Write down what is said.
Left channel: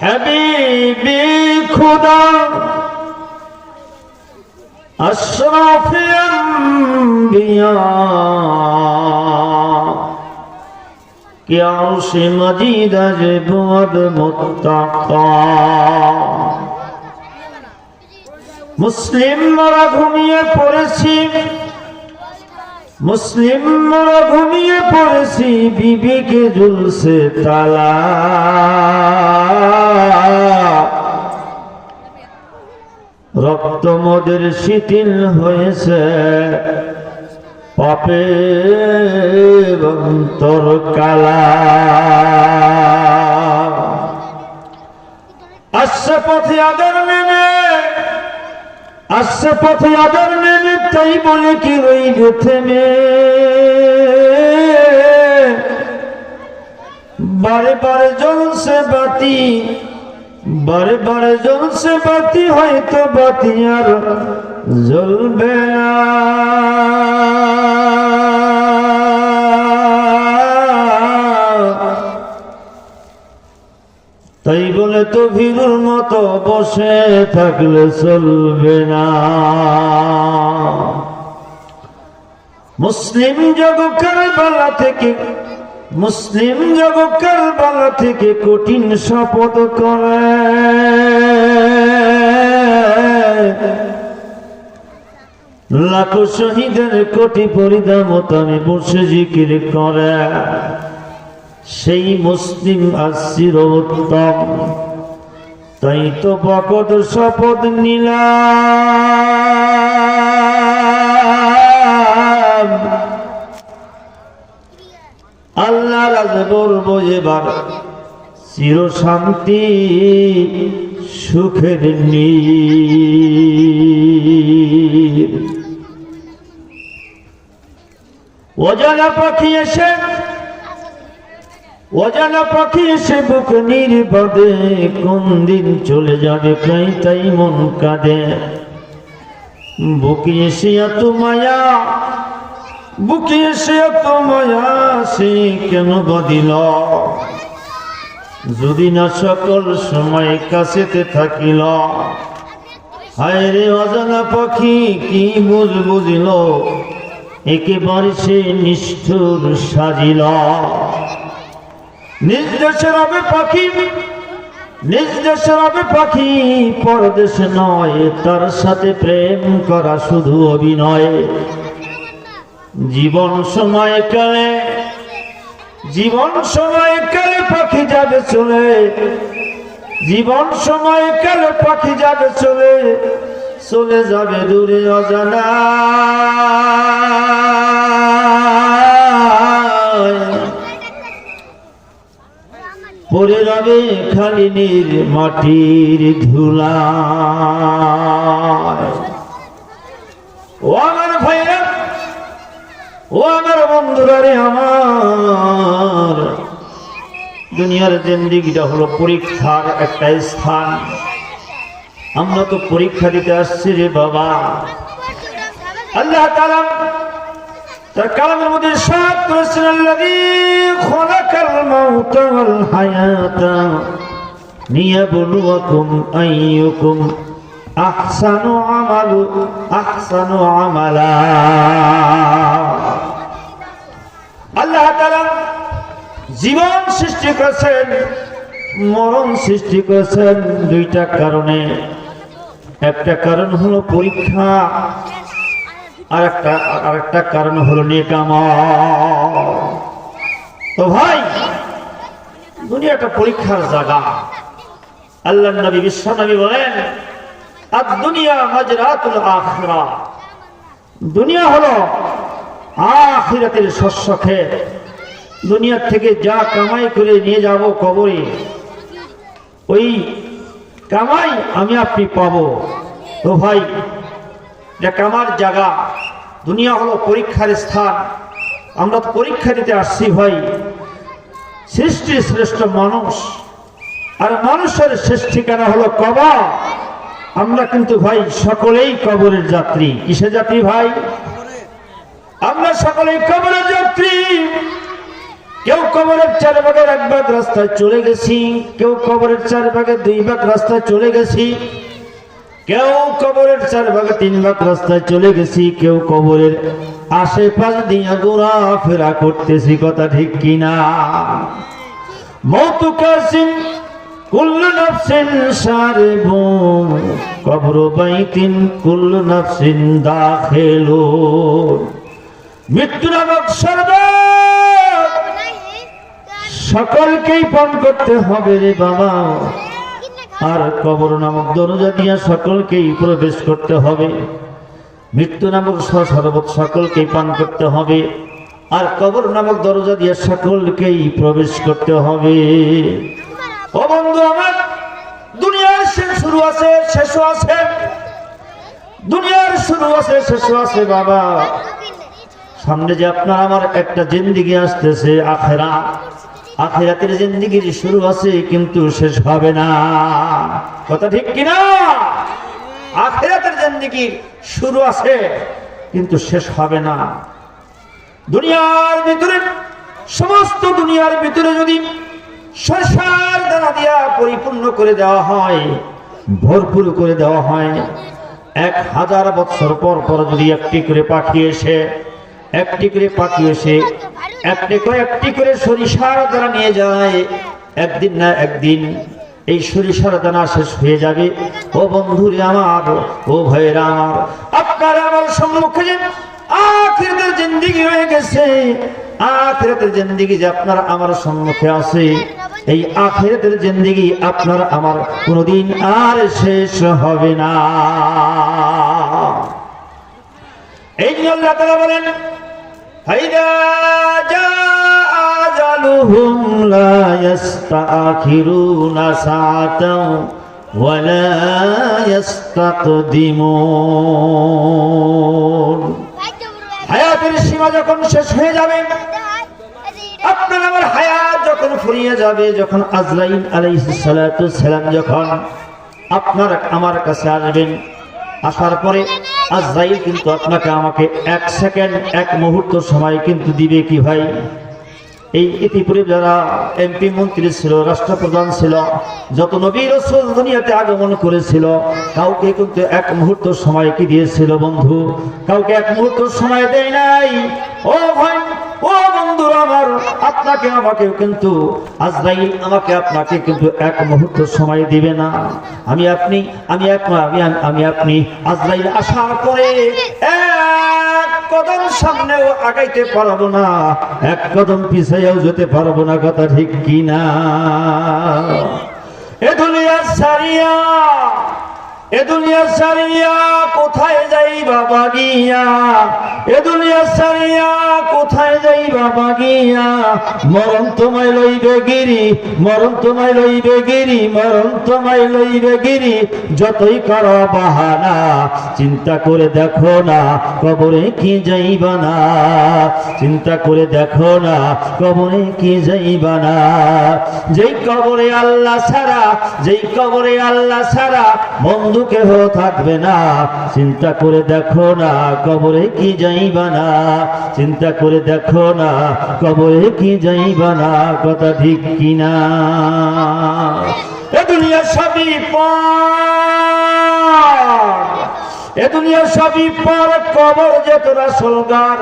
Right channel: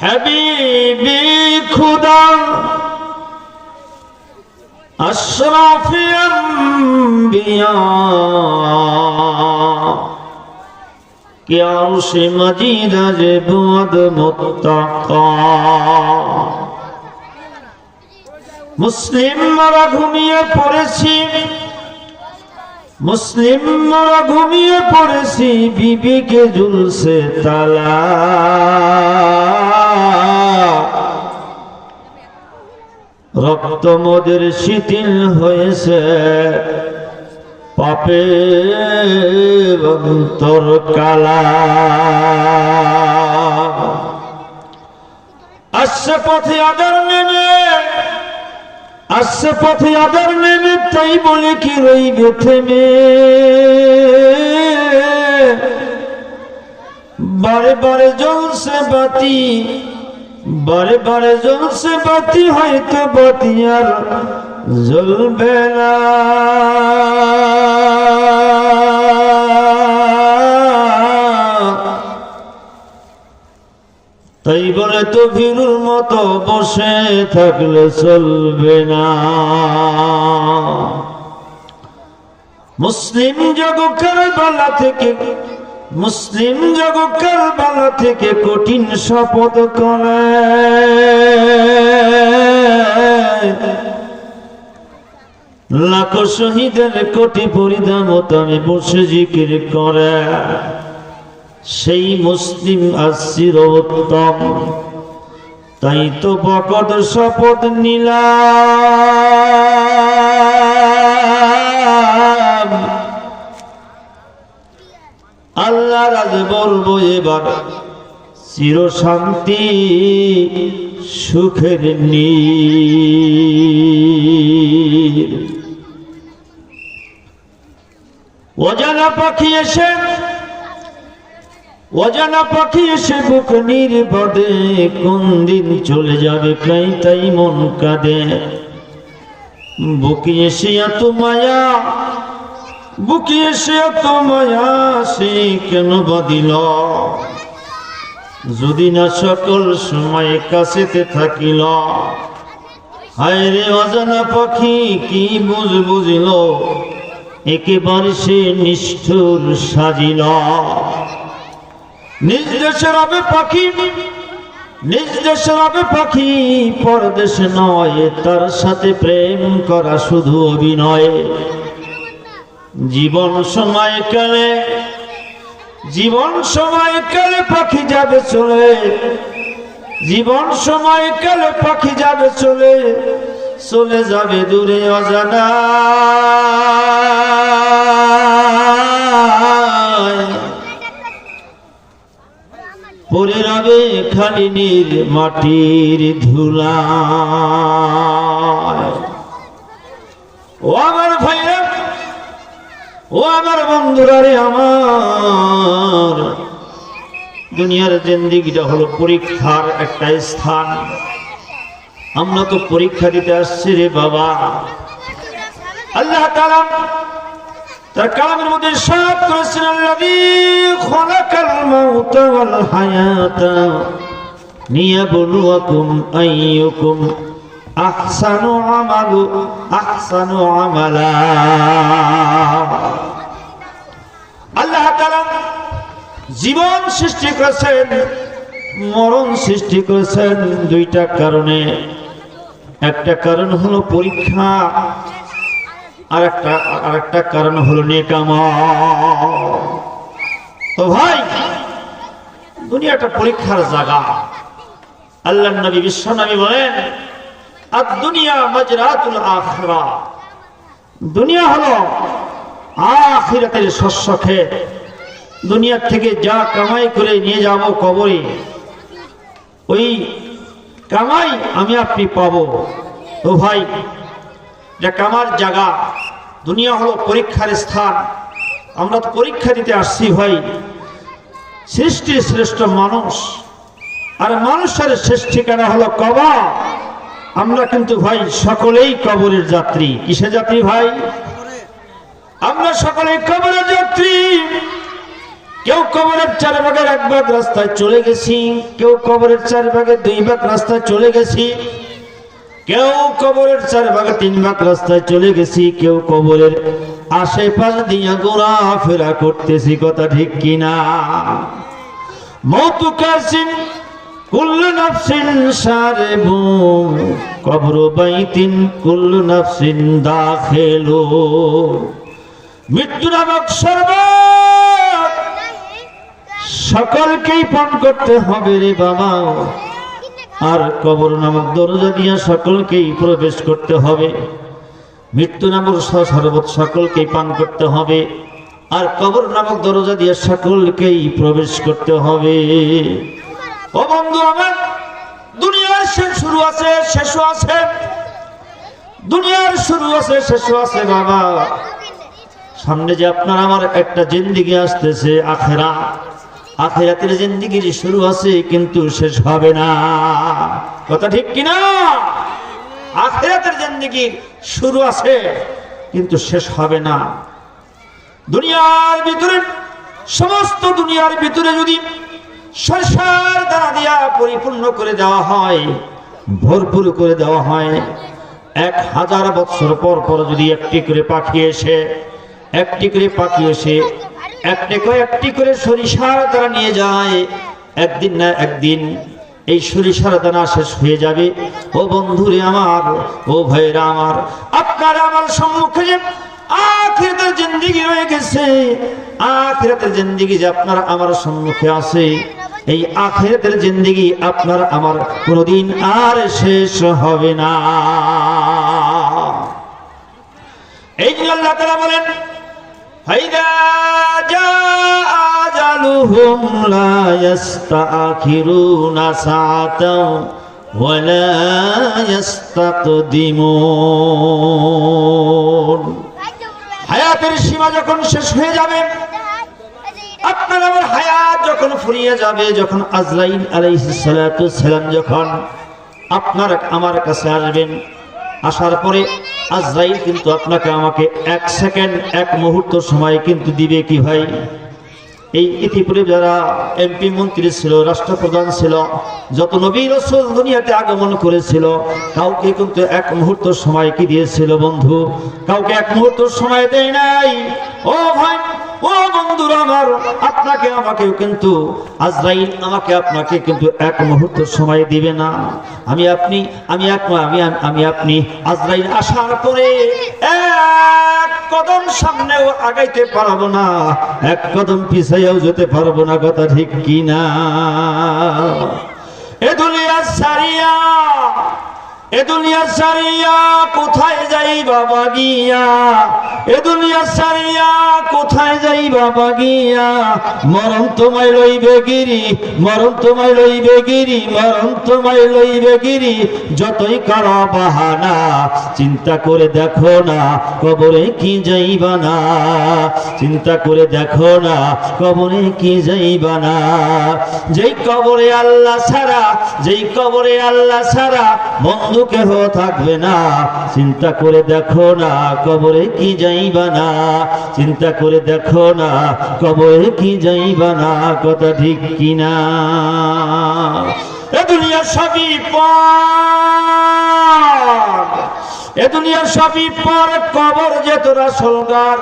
হাবিবি খুদা আশরাফি আম্বিয়া কে আরশে মজিদ আজ বুয়াদ মুত্তাকা মুসলিমরা ঘুমিয়ে পড়েছি মুসলিমরা ঘুমিয়ে পড়েছি বিবিকে ঝুলছে তালা রক্ত মোদের শিথিল হয়েছে পাপের অন্তর কালা আসছে পথে আদর নেমে আসছে পথে আদর নেমে তাই বলে কি রইবে থেমে বারে বারে জ্বলছে বাতি বারে বারে জ্বলছে বাতি হয়তো বাতি আর জ্বলবে না তাই বলে তো ভিড়ুর মতো বসে থাকলে চলবে না মুসলিম জগৎ কারবালা থেকে মুসলিম জগৎ কারবালা থেকে কঠিন শপথ করে লাখো শহীদের কোটি পরিধামত আমি বসে জিকির করে সেই মুসলিম আসির উত্তম তাই তো বকত শপথ নিলাম আল্লাহ রাজ বলবো এবার চির শান্তি সুখের নীর অজানা পাখি এসে অজানা পাখি এসে বুক নির্বাদে কোন দিন চলে যাবে তাই মন কাঁদে বুকে এসে এত মায়া বুকে এসে এত মায়া সে কেন বাঁধিল যদি না সকল সময় কাছেতে থাকিল হায় রে অজানা পাখি কি বুঝিল একেবারে সে নিষ্ঠুর সাজিল নিজ দেশের হবে পাখি নিজ দেশের হবে পাখি পরদেশে নয় তার সাথে প্রেম করা শুধু অভিনয় জীবন সময়কালে পাখি যাবে চলে জীবন সময়কালে পাখি যাবে চলে চলে যাবে দূরে অজানা পরে রবে খালি নীর মাটির ধুলা ও আমার ভাইরা ও আমার বন্ধুরা রে আমার দুনিয়ার জিন্দেগিটা হলো পরীক্ষার একটা স্থান আমরা তো পরীক্ষা দিতে আসছি রে বাবা আল্লাহ তাআলা তার কালামের মধ্যে ইরশাদ করেছেন আল্লাযী খালাকাল মাউতা ওয়াল হায়াতা লিয়াবলুয়াকুম আইয়ুকুম আহসানু আমালা আল্লাহ তাআলা জীবন সৃষ্টি করেছেন মরণ সৃষ্টি করেছেন দুইটা কারণে একটা কারণ হলো পরীক্ষা আর একটা কারণ হলো নেকামল তো ভাই দুনিয়াটা পরীক্ষার জায়গা আল্লাহর নবী বিশ্ব নবী বলেন আদ-দুনিয়া মাজরাতুল আখিরা দুনিয়া হলো আখিরাতের শস্য ক্ষেত দুনিয়া থেকে যা কামাই করে নিয়ে যাব কবরে ওই কামাই আমি আপনি পাবো তো ভাই এটা কামার জায়গা দুনিয়া হলো পরীক্ষার স্থান আমরা তো পরীক্ষা দিতে আসছি ভাই সৃষ্টির শ্রেষ্ঠ মানুষ আর মানুষের শেষ ঠিকানা হলো কবর আমরা কিন্তু ভাই সকলেই কবরের যাত্রী কিসের যাত্রী ভাই আমরা সকলেই কবরের যাত্রী কেউ কবরের 4 ভাগের 1 ভাগ রাস্তায় চলে গেছি, কেউ কবরের 4 ভাগের 2 ভাগ রাস্তায় চলে গেছি, কেউ কবরের 4 ভাগের 3 ভাগ রাস্তায় চলে গেছি, কেউ কবরের আশেপাশ দিয়ে ঘোরাফেরা করতেছি। কথা ঠিক কিনা? মওতু কাসিম কুল্লু নাফসিন সারিবু কবরু বাইতিন কুল্লু নাফসিন দাখিলু। মৃত্যু নামক শরবত সকলকেই পান করতে হবে রে বাবা, আর কবর নামক দরজা দিয়ে সকলকেই প্রবেশ করতে হবে। মৃত্যু নামক শরবত সকলকেই পান করতে হবে, আর কবর নামক দরজা দিয়ে সকলকেই প্রবেশ করতে হবে। ও বন্ধু আমার, দুনিয়ার শুরু আছে শেষও আছে, দুনিয়ার শুরু আছে শেষও আছে বাবা। সামনে যে আপনার আমার একটা জিন্দেগি আসতেছে, আখেরা, আখেরাতের জিন্দেগির শুরু আছে কিন্তু শেষ হবে না। কথা ঠিক কিনা? আখেরাতের জিন্দেগি শুরু আছে কিন্তু শেষ হবে না। দুনিয়ার ভিতরে, সমস্ত দুনিয়ার ভিতরে যদি সরষার দানা দিয়া পরিপূর্ণ করে দেওয়া হয়, ভরপুর করে দেওয়া হয়, 1000 বছর পর পর যদি একটি করে পাখি এসে, একটি করে পাখি এসে একটি করে সরিষার দানা নিয়ে যায়, একদিন না একদিন এই সরিষার দানা শেষ হয়ে যাবে। ও বন্ধুরে আমার, ও ভাইরা আমার, আপনার আমার সম্মুখে যে আখিরাতের জিন্দেগি রয়ে গেছে, আখিরাতের জিন্দেগি যে আপনার আমার সম্মুখে আছে, এই আখিরাতের জিন্দেগি আপনার আমার কোনদিন আর শেষ হবে না। এই জন্য আল্লাহ তাআলা বলেন, ফাইদা জাআ আজালুহুম লা ইস্তাখিরুনা সাআতাও ওয়া লা ইস্তাকদিমুন। হায়াতের সীমা যখন শেষ হয়ে যাবে, আপনার আমার হায়াত যখন ফুরিয়ে যাবে, যখন আজরাইল আলাইহিস সালাতু সালাম যখন আপনার আমার কাছে আসবেন, আসার পরে আজরাইল কিন্তু আপনাকে আমাকে 1 সেকেন্ড 1 মুহূর্ত সময় কিন্তু দিবে কি ভাই? এই ইতিপূর্বে যারা এমপি মন্ত্রী ছিল, রাষ্ট্রপ্রধান ছিল, যত নবী রাসূল দুনিয়াতে আগমন করেছিল, কাউকে কিন্তু 1 মুহূর্ত সময় কি দিয়েছিল বন্ধু? কাউকে 1 মুহূর্ত সময় দেয় নাই। ও ভাই, ও বন্ধুরা আমার, আপনাকে আমাকেও কিন্তু আজরাইল আমাকে আপনাকে কিন্তু 1 মুহূর্ত সময় দিবে না। আমি আপনি আজরাইল আসার পরে 1 কদম সামনেও আগাইতে পারবো না, 1 কদম পিছাইয়াও যেতে পারবো না। কথা ঠিক কিনা? এ দুনিয়া সারিয়া, এ দুনিয়া সারিয়া কোথায় যাই বাবা গিয়া, এ দুনিয়া সারিয়া কোথায় যাই বাবা গিয়া, মরণ তোমায় লইবে গিরি, মরণ তোমায় লইবে গিরি, মরণ তোমায় লইবে গিরি, যতই করো বাহানা, চিন্তা করে দেখো না কবরে কি যাইবা না, চিন্তা করে দেখো না কবরে কি যাইবা না। যেই কবরে আল্লাহ ছাড়া, যেই কবরে আল্লাহ ছাড়া বন্ধু কেহ থাকবে না, চিন্তা করে দেখো না কবরে কি যাইবা না, চিন্তা করে দেখো না কবরে কি যাইবা না। কথা ঠিক কিনা? এ দুনিয়া সবই পর, এ দুনিয়া সবই পর, কবর যে তোরা সলগার।